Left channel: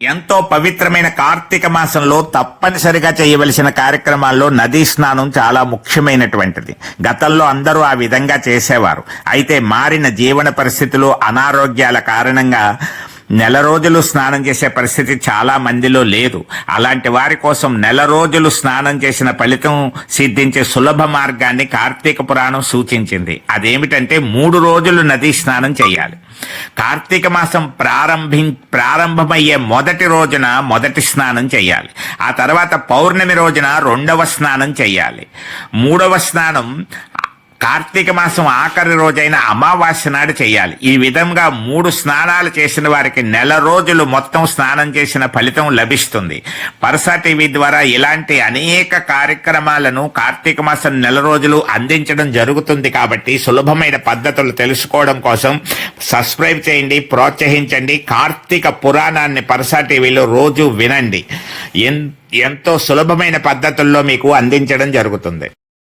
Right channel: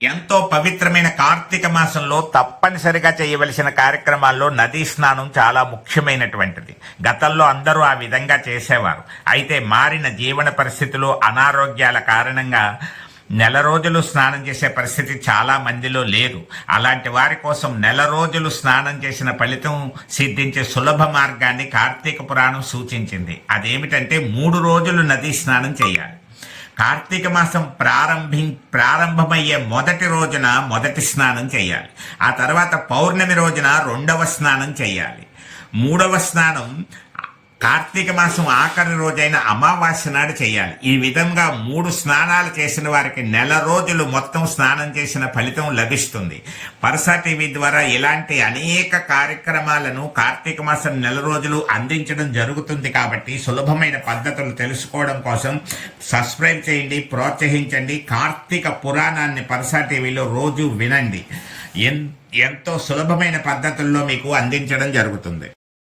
ఎంతో పవిత్రమైన కార్తీక మాసంలో తప్పనిసరిగా చేయవలసిన కార్యక్రమాల్లో నదీ స్నానం చాలా ముఖ్యమైనటువంటిది. గతంలో అందరూ ఆ విధంగా చేసేవారు. అయితే మారిన జీవన పరిస్థితులు, అనారోగ్యాల కారణంగా నెల రోజులు స్నానం చేసే పరిస్థితి చాలా మందిలో లేదు. అలాంటి వారి కోసం నెల రోజులు స్నానం చేసిన ఫలితం సిద్ధించే సులభ మార్గాన్ని కార్తీక పురాణం సూచించింది. అదేమిటంటే 3 రోజులు నదీ స్నానం చేయాలి. కార్తీక మాసం ప్రారంభమయ్యే మొదటి రోజున మొదటి స్నానం చేయాలి. ఆ తర్వాత పౌర్ణమి రోజున 2వ స్నానం చేయాలి. 3వ స్నానం కార్తీక మాసం ఆఖరి రోజైన అమావాస్య నాడు చేయాలి. ఈ విధంగా 3 స్నానాలు చేసిన వారికి నెల రోజులు మొత్తం స్నానం చేసిన ఫలితం లభిస్తుంది. పరసా టీవీ ద్వారా ఇలాంటి అనేక కార్యక్రమాలను కార్తీక మాసం నెల రోజులు అందించడం జరుగుతుంది. కాబట్టి సులభమైన పద్ధతులు తెలుసుకోవడం కోసం సబ్స్క్రైబ్ చేయండి, ప్రోత్సహించండి. కార్తీక పురాణాన్ని పరసా టీవీలో రోజు వినండి. ఎంతో సులభమైన పద్ధతుల్లో మీకు అందించడం జరుగుతుంది.